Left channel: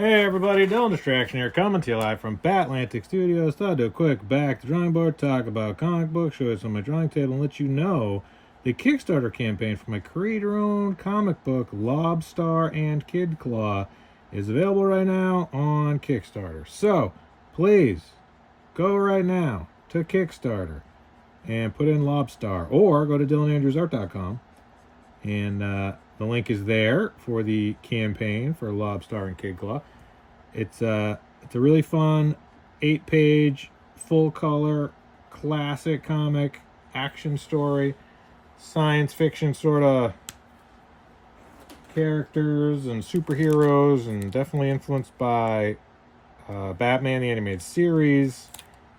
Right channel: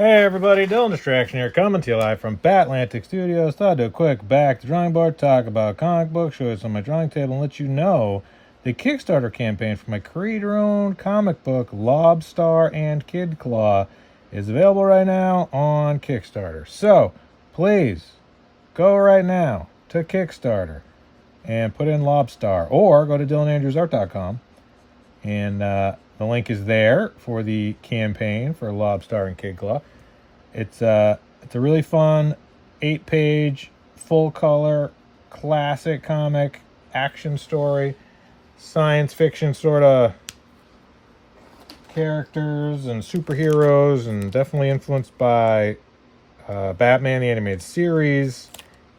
Hey everybody, Dylan Distraction here, coming to you live from Batlantic Studios. Thought I'd do a quick back to the drawing board, talk about comic books, show you some on my drawing table, and let you know the Kickstarter campaign for my creator-owned comic book, LOBSTAR and Kid Claw, is available right now on Kickstarter. So, please, go right now to Kickstarter and put in LOBSTAR, or go to DylanAndrewsArt.com, and the link is there for the campaign for LOBSTAR and Kid Claw. It's a really fun 8-page, full-color, classic comic, action story, science fiction sort of characters and superheroes, and definitely influenced by Batman the Animated Series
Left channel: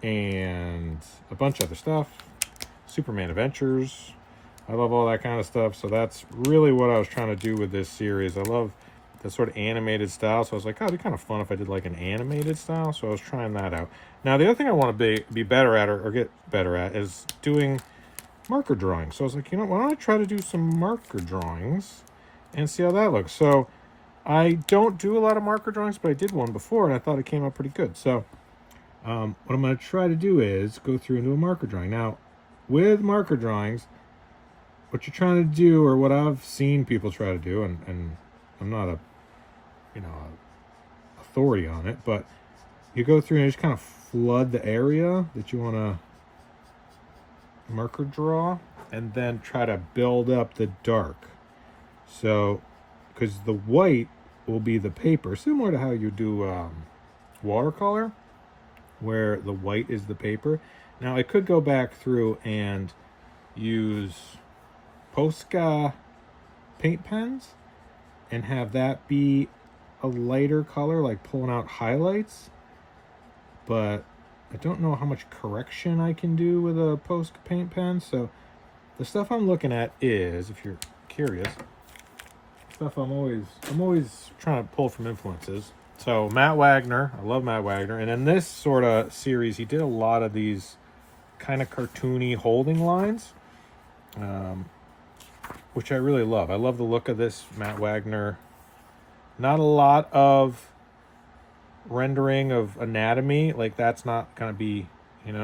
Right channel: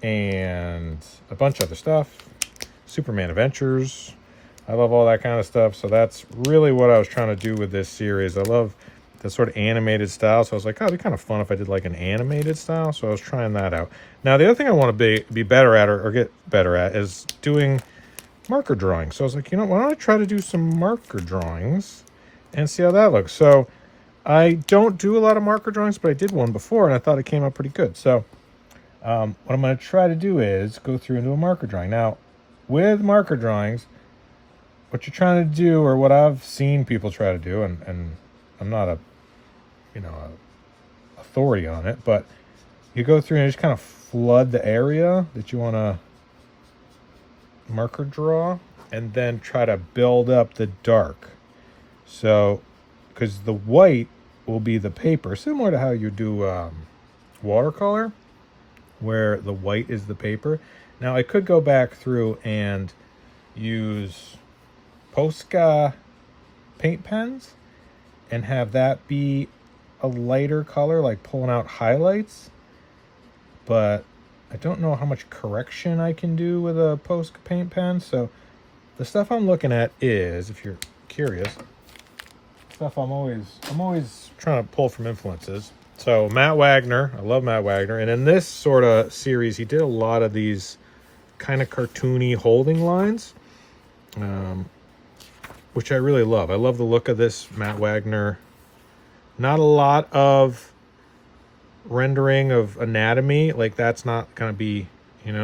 and a bunch of other stuff. Superman Adventures. I love all that kind of stuff, so that's really what I was trying to do with this series. I love the sort of animated style, so I was like, oh, it'd be kind of fun if I did like an animated style, so I was trying that out. Now, the other thing I want to be better at, or get better at, is doing marker drawings. So I was like, why don't I try to do some marker drawings and see how that looks? So I don't do a lot of marker drawings, but I did one before, and I thought it came out pretty good. So what I'm going to try to do is go through and do a marker drawing. Now, with marker drawings, what you're trying to do, or what I've seen people try to do, and I'm not a authority on it, but you go through and you just kind of flood the area that you want to marker draw, and then try to build up the dark. So, because the white will be the paper, similar to how you do watercolor, where the white is the paper. Now, I could go back through and use Posca paint pens and have that be a lighter color, like pulling out highlights, but I don't know how much correction I can do with a Posca paint pen. So the stuff I'm looking at is, if you're curious, stuff I'm always trying to pull from influences. So Matt Wagner, I love Matt Wagner, and in this sort of series he did a lot of these kind of cartoony holding lines, which I really love. I love the look of this Matt Wagner. Not a lot of rendering of anatomy. Like, that's not going to be,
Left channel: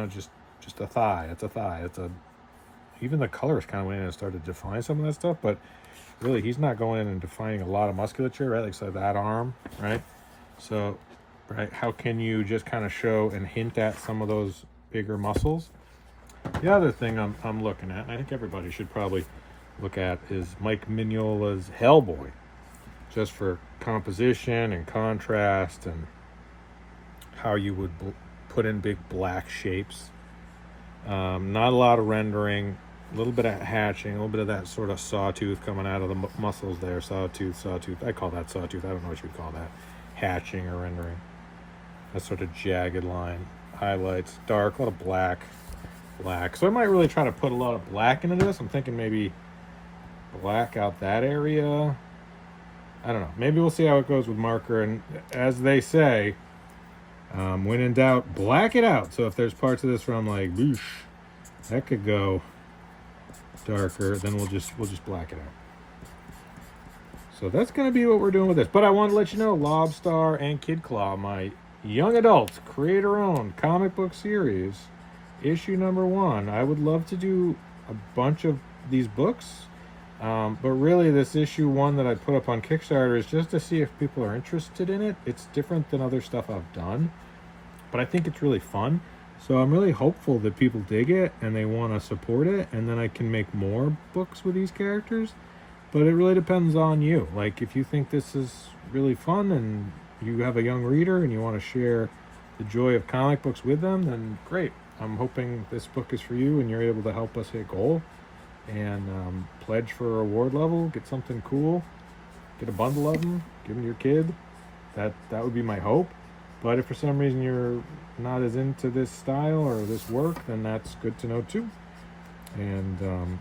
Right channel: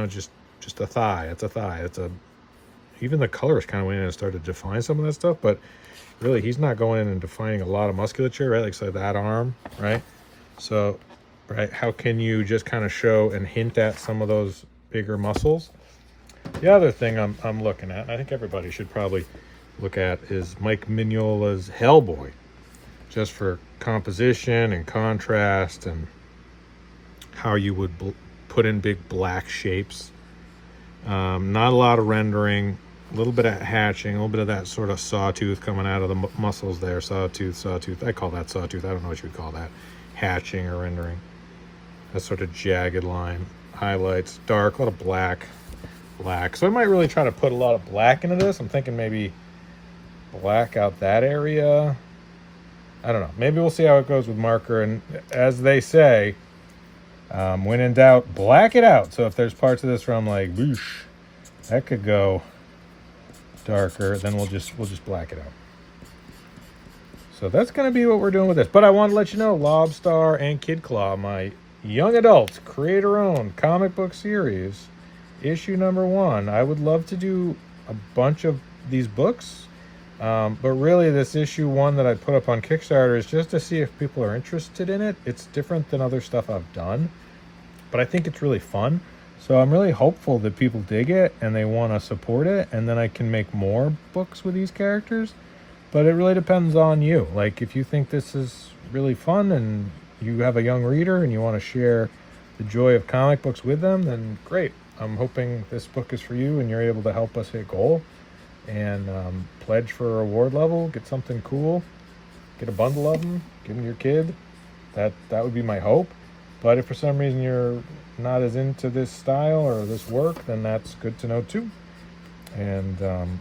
just a thigh. It's a thigh. Even the colors kind of went in and started to define some of that stuff, but really he's not going in and defining a lot of musculature, right? Like, say that arm, right? So, right, how can you just kind of show and hint at some of those bigger muscles? The other thing I'm looking at, and I think everybody should probably look at, is Mike Mignola's Hellboy, just for composition and contrast and how you would put in big black shapes. Not a lot of rendering, a little bit of hatching, a little bit of that sort of sawtooth coming out of the muscles there. Sawtooth. I call that sawtooth. I don't know what you would call that. Hatching or rendering. That sort of jagged line. Highlights, dark, a lot of black. So I might really try to put a lot of black into this. I'm thinking maybe black out that area. I don't know. Maybe we'll see how it goes with marker. And as they say, when in doubt, black it out. So if there's parts of this where I'm like, whoosh, that could go darker, then we'll just black it out. So that's going to be what we're doing with this. But I want to let you know, LOBSTAR and Kid Claw, my young adult creator-owned comic book series, issue number 1. I would love to do a bunch of these books. But really, this issue 1 that I put up on Kickstarter is just to see if people are interested in it. It's different than other stuff I've done, but I think it's really fun. So I'm really hopeful that people dig it and they want to support it, and then I can make more books with these characters. But it really depends on you. Like, if you think this is really fun and you have a young reader and you want to share the joy of comic books with them, then great. I'm hoping this book is for you and you're able to help us hit goal. And pledge for a reward level, get something cool, get a bundle of them, give them to your kid. That would be my hope. But if for some reason you're not as into this style or this work, then that's good to know too. And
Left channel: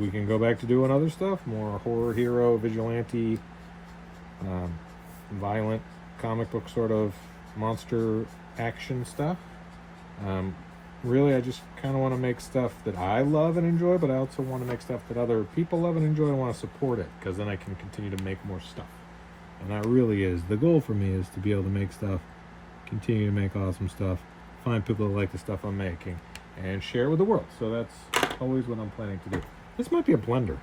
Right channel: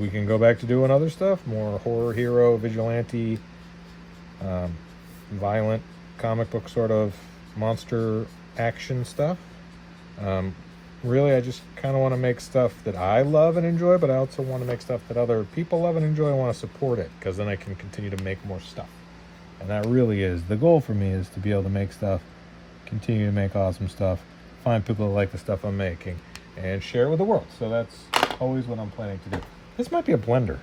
we can go back to doing other stuff, more horror hero, vigilante, violent comic book sort of monster action stuff. Really, I just kind of want to make stuff that I love and enjoy, but I also want to make stuff that other people love and enjoy and want to support it, because then I can continue to make more stuff. And that really is the goal for me, is to be able to make stuff, continue to make awesome stuff, find people that like the stuff I'm making, and share it with the world. So that's always what I'm planning to do. This might be a blender.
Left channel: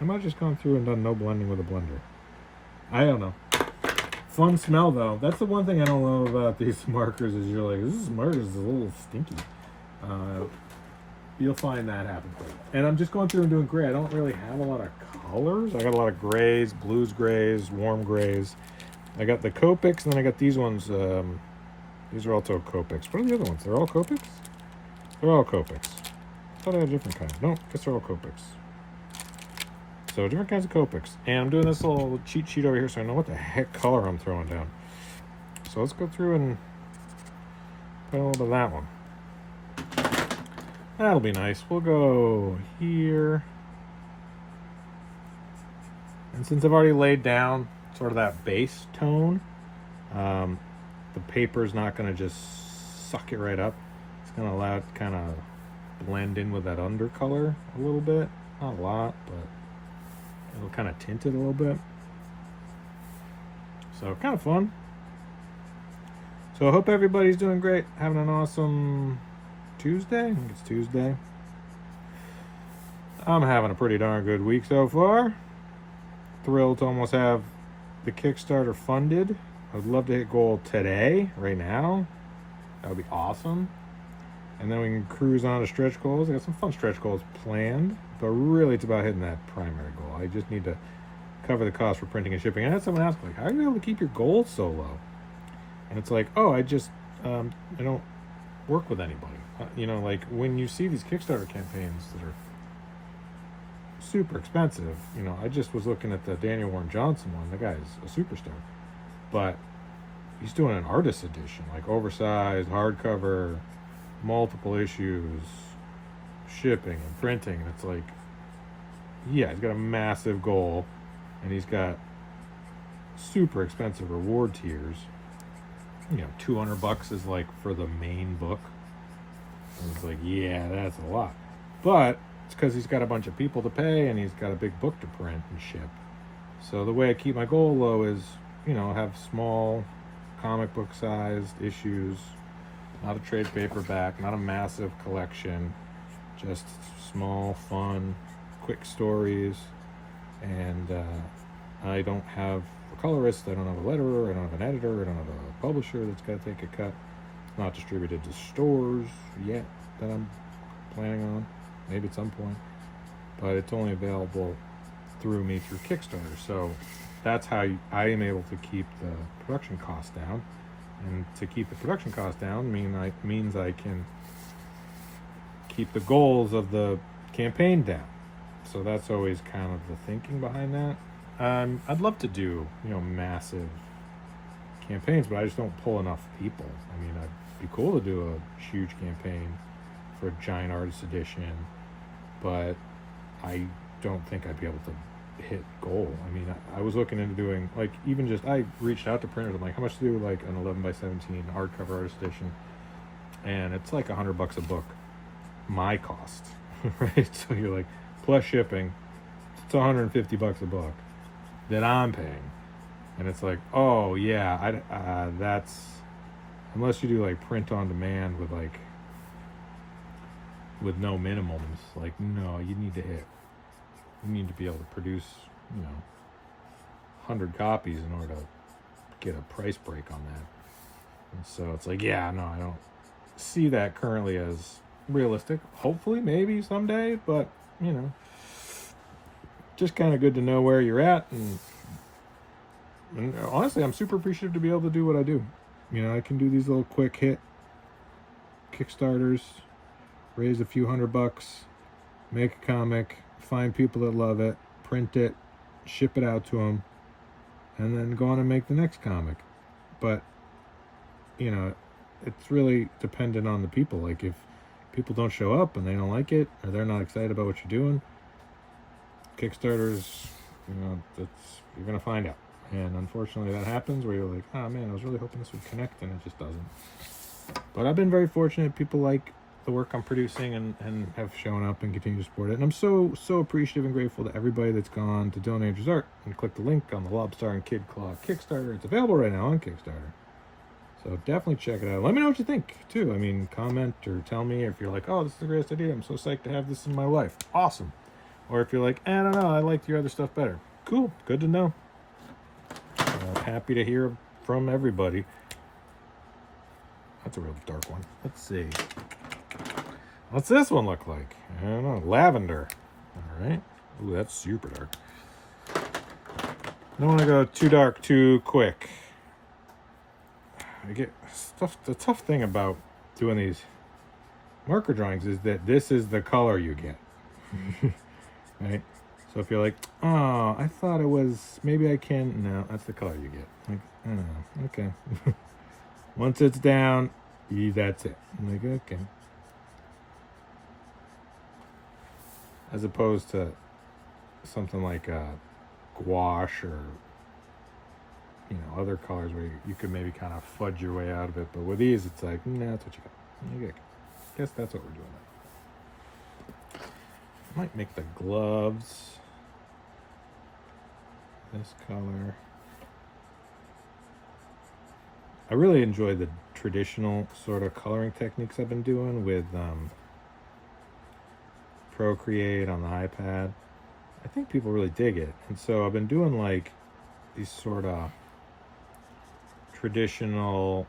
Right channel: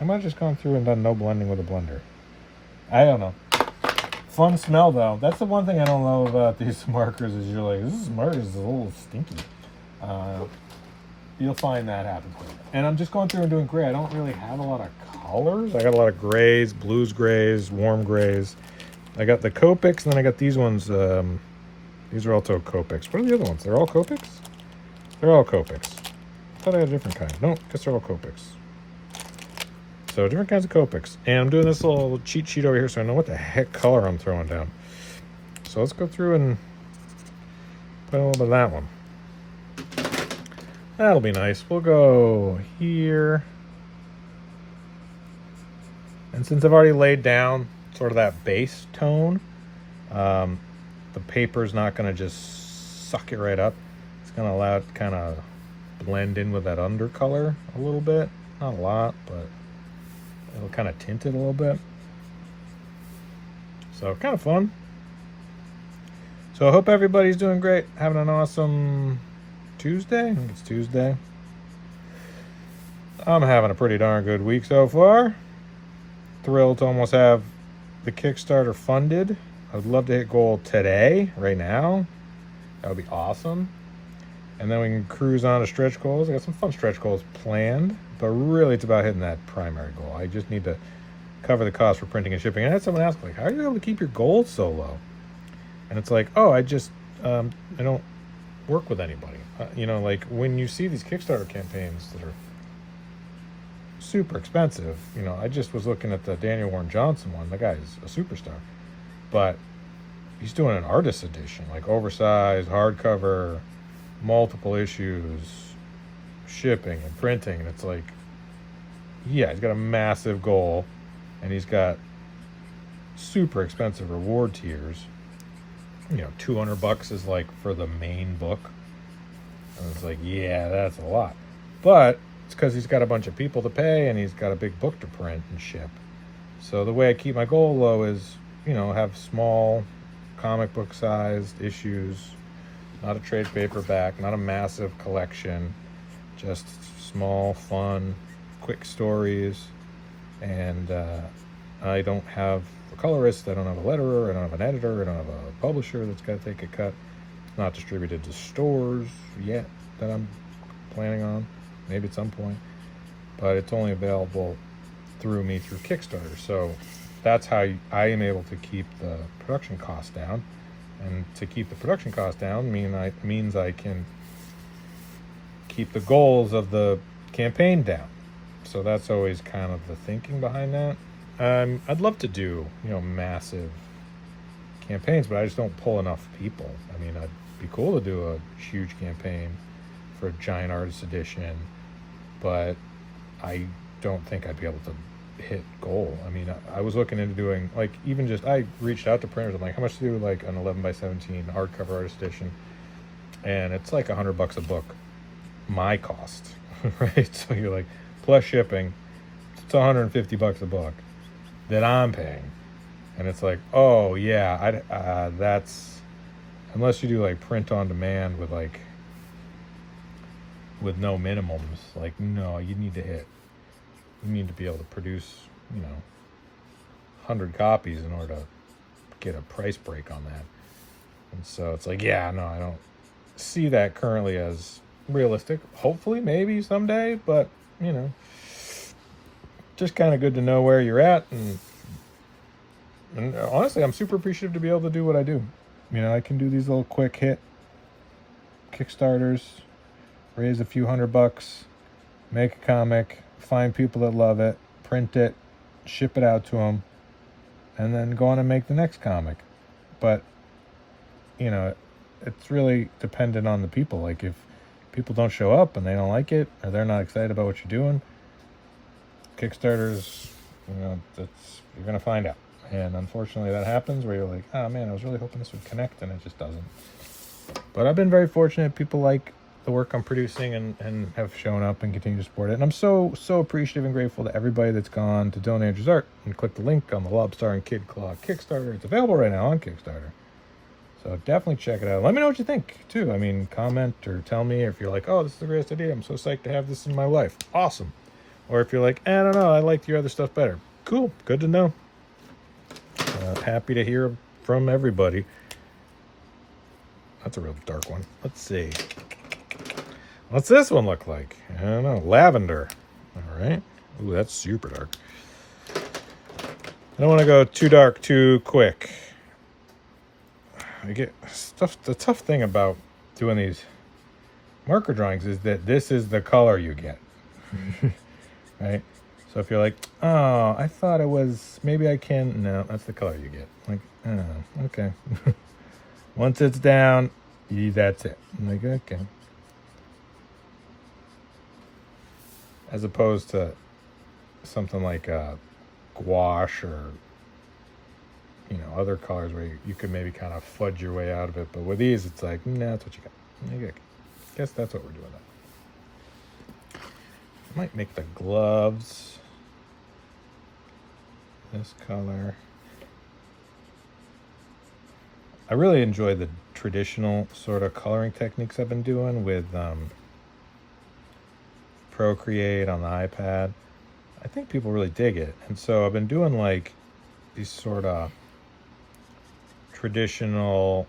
I might have just gone through and done no blending with a blender. I don't know. Fun smell though. That's the one thing I don't know about these markers, is you're like, this marker is a little stinky. You'll find that happens. And I'm just going through and doing gray. I don't really have a lot of colors. I got a lot of grays, blues grays, warm grays. I got the Copics, and then I got these ones. These are also Copics. What are the other ones? They're all Copics? They're all Copics. I thought I had a different kind. No, I guess they're all Copics. So different kinds of Copics. And I'm doing this little cheat sheet over here so I know what the heck color I'm throwing down. So let's go through and put a little bit of that one. That'll be nice. We'll go here. And since I've already laid down sort of that base tone, the paper's not going to just suck it right up. It's going to allow it to kind of blend in with that undercolor a little bit. Not a lot, but it'll kind of tint it a little bit. So kind of fun. So I hope everybody's doing great. Having an awesome Tuesday. I think it's Tuesday. I'm having a pretty darn good week so far. Thrilled to almost have the Kickstarter funded. I would love to hit goal today, right now. That would be awesome. And then we can cruise on to stretch goals. I got some fun stretch goals planned, but really it's about hitting that primary goal. I just need to cover the cost for printing and shipping. And I had someone ask, like, how are you able to keep your goals so low? And it's like, oh, I just, I don't work with anybody. You know, like when you see these Kickstarter campaigns that are super expensive, you know, I just was looking at the Daniel Warren Johnson one. The guy's a superstar, but he's doing an artist edition, like oversized, hardcover, multiple issues, shipping and printing. And it's like, yeah, he's got a massive goal, and he's got super expensive reward tiers. You know, $200 is like for the main book. And it's like, yeah, that's a lot. But it's because he's got a bunch of people to pay, and he's got a big book to print and ship. So the way I keep my goal low is, you know, have small comic book sized issues, not a trade paperback, not a massive collection, just small, fun, quick stories. And I don't have a colorist, I don't have a letterer, I don't have an editor, I don't have a publisher that's got to take a cut. It's not distributed to stores yet that I'm planning on, maybe at some point, but it's only available through me through Kickstarter. So that's how I am able to keep the production costs down. And to keep the production costs down means I can keep the goals of the campaign down. So that's always kind of the thinking behind that. I'd love to do, you know, massive campaigns, but I just don't pull enough people. I mean, I'd be cool to do a huge campaign for a giant artist edition, but I don't think I'd be able to hit goal. I mean, I was looking into doing, like, even just, I reached out to printers. I'm like, how much to do like an 11x17 hardcover artist edition? And it's like $100 a book, my cost, right? So you're like, plus shipping, it's $150 a book that I'm paying. And it's like, oh yeah, that's, unless you do like print on demand with no minimums, like, no, you need to be able to produce, you know, 100 copies in order to get a price break on that. And so it's like, yeah, no, I don't see that currently as realistic. Hopefully, maybe someday, but, you know, just kind of good to know where you're at. And honestly, I'm super appreciative to be able to do what I do. You know, I can do these little quick hit Kickstarters, raise a few $100, make a comic, find people that love it, print it, ship it out to them, and then go on and make the next comic. But, you know, it's really dependent on the people. Like, if people don't show up and they don't like it, or they're not excited about what you're doing, Kickstarters, you know, you're going to find out. And unfortunately that happens where you're like, oh man, I was really hoping this would connect, and it just doesn't. But I've been very fortunate. People like the work I'm producing and have shown up and continue to support it. And I'm so appreciative and grateful to everybody that's gone to donate Andrew's art and click the link on the LOBSTAR and Kid Claw Kickstarter. It's available right now on Kickstarter. So definitely check it out. Let me know what you think, too. I mean, comment or tell me if you're like, oh, this is the greatest idea. I'm so psyched to have this in my life. Awesome. Or if you're like, I don't know, I like your other stuff better. Cool. Good to know. Happy to hear from everybody. That's a real dark one. Let's see. What's this one look like? I don't know. Lavender. All right. Ooh, that's super dark. I don't want to go too dark too quick. I get stuff. The tough thing about doing these marker drawings is that this is the color you get. Right? So if you're like, oh, I thought it was, maybe I can, no, that's the color you get. Like, oh, okay. Once it's down, that's it. I'm like, okay. As opposed to something like gouache or, you know, other colors where you could maybe kind of fudge your way out of it. But with these, it's like, no, that's what you got. Okay. Guess that's what we're doing. I might make the gloves this color. I really enjoy the traditional sort of coloring techniques I've been doing with Procreate on the iPad. I think people really dig it. And so I've been doing like these sort of traditional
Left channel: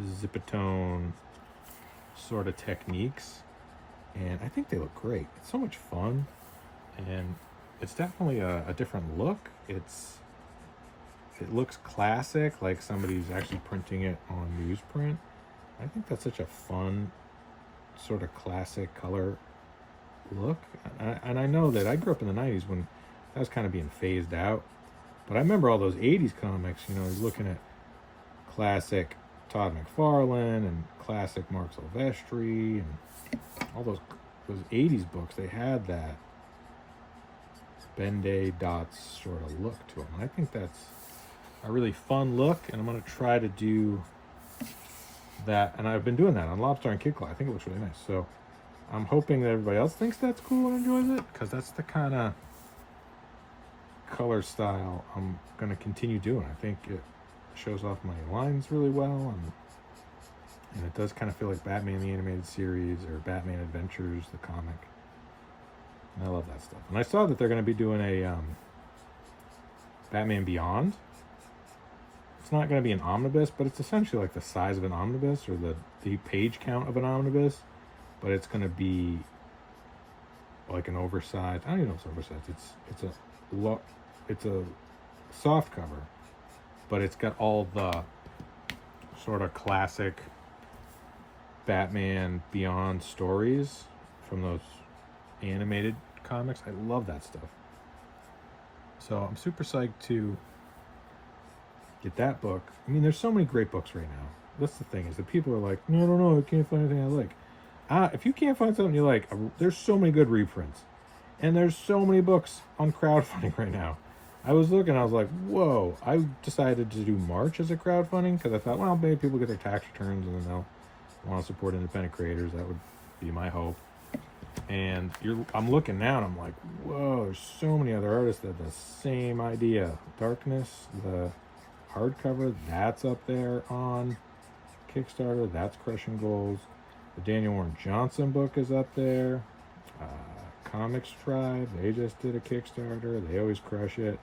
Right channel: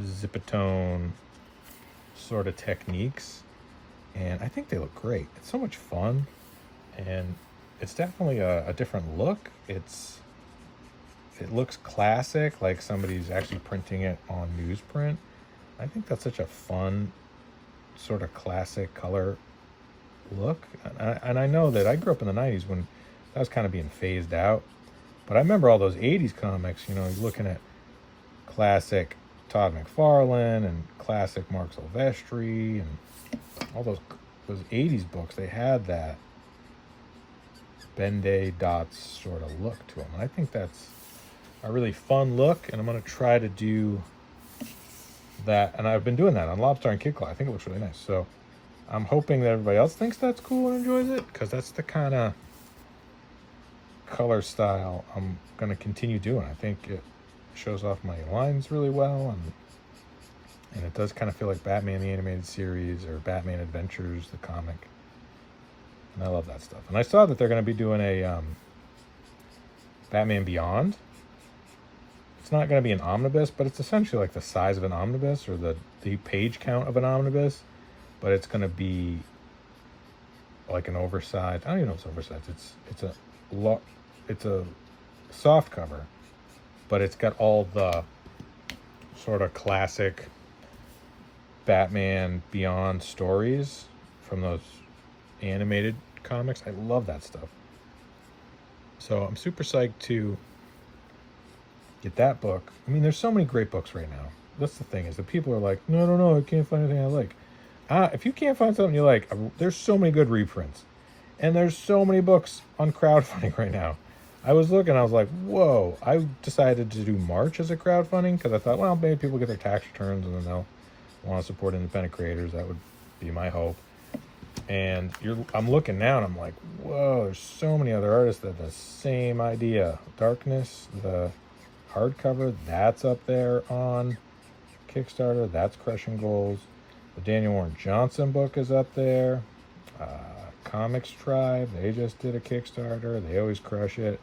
zipatone sort of techniques. And I think they look great. It's so much fun. And it's definitely a different look. It looks classic, like somebody's actually printing it on newsprint. I think that's such a fun sort of classic color look. And I know that I grew up in the 90s when that was kind of being phased out. But I remember all those 80s comics, you know, I was looking at classic Todd McFarlane and classic Mark Silvestri and all those 80s books. They had that Ben-Day dots sort of look to them. And I think that's a really fun look, and I'm going to try to do that. And I've been doing that on LOBSTAR and Kid Claw. I think it looks really nice. So I'm hoping that everybody else thinks that's cool and enjoys it, because that's the kind of color style I'm going to continue doing. I think it shows off my lines really well, and it does kind of feel like Batman the Animated Series or Batman Adventures, the comic. And I love that stuff. And I saw that they're going to be doing a Batman Beyond. It's not going to be an omnibus, but it's essentially like the size of an omnibus or the page count of an omnibus. But it's going to be like an oversized. I don't even know if it's oversized. It's a soft cover, but it's got all the sort of classic Batman Beyond stories from those animated comics. I love that stuff. So I'm super psyched to get that book. I mean, there's so many great books right now. That's the thing, is that people are like, no, I can't find anything I like. If you can't find something you like, there's so many good reprints. And there's so many books on crowdfunding right now. I was looking, I was like, whoa. I decided to do March as a crowdfunding because I thought, well, maybe people get their tax returns and then they'll want to support independent creators. That would be my hope. And I'm looking now and I'm like, whoa, there's so many other artists that have the same idea. Darkness, the hardcover, that's up there on Kickstarter. That's Crushing Goals. The Daniel Warren Johnson book is up there. Comics Tribe, they just did a Kickstarter. They always crush it.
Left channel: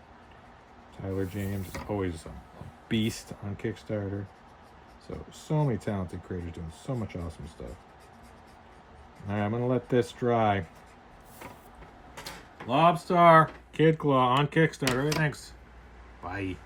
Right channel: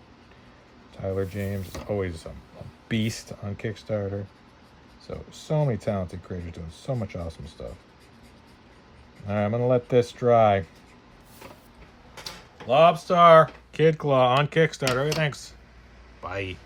Tyler James is always a beast on Kickstarter. So many talented creators doing so much awesome stuff. All right, I'm going to let this dry. LOBSTAR, Kid Claw on Kickstarter. Thanks. Bye.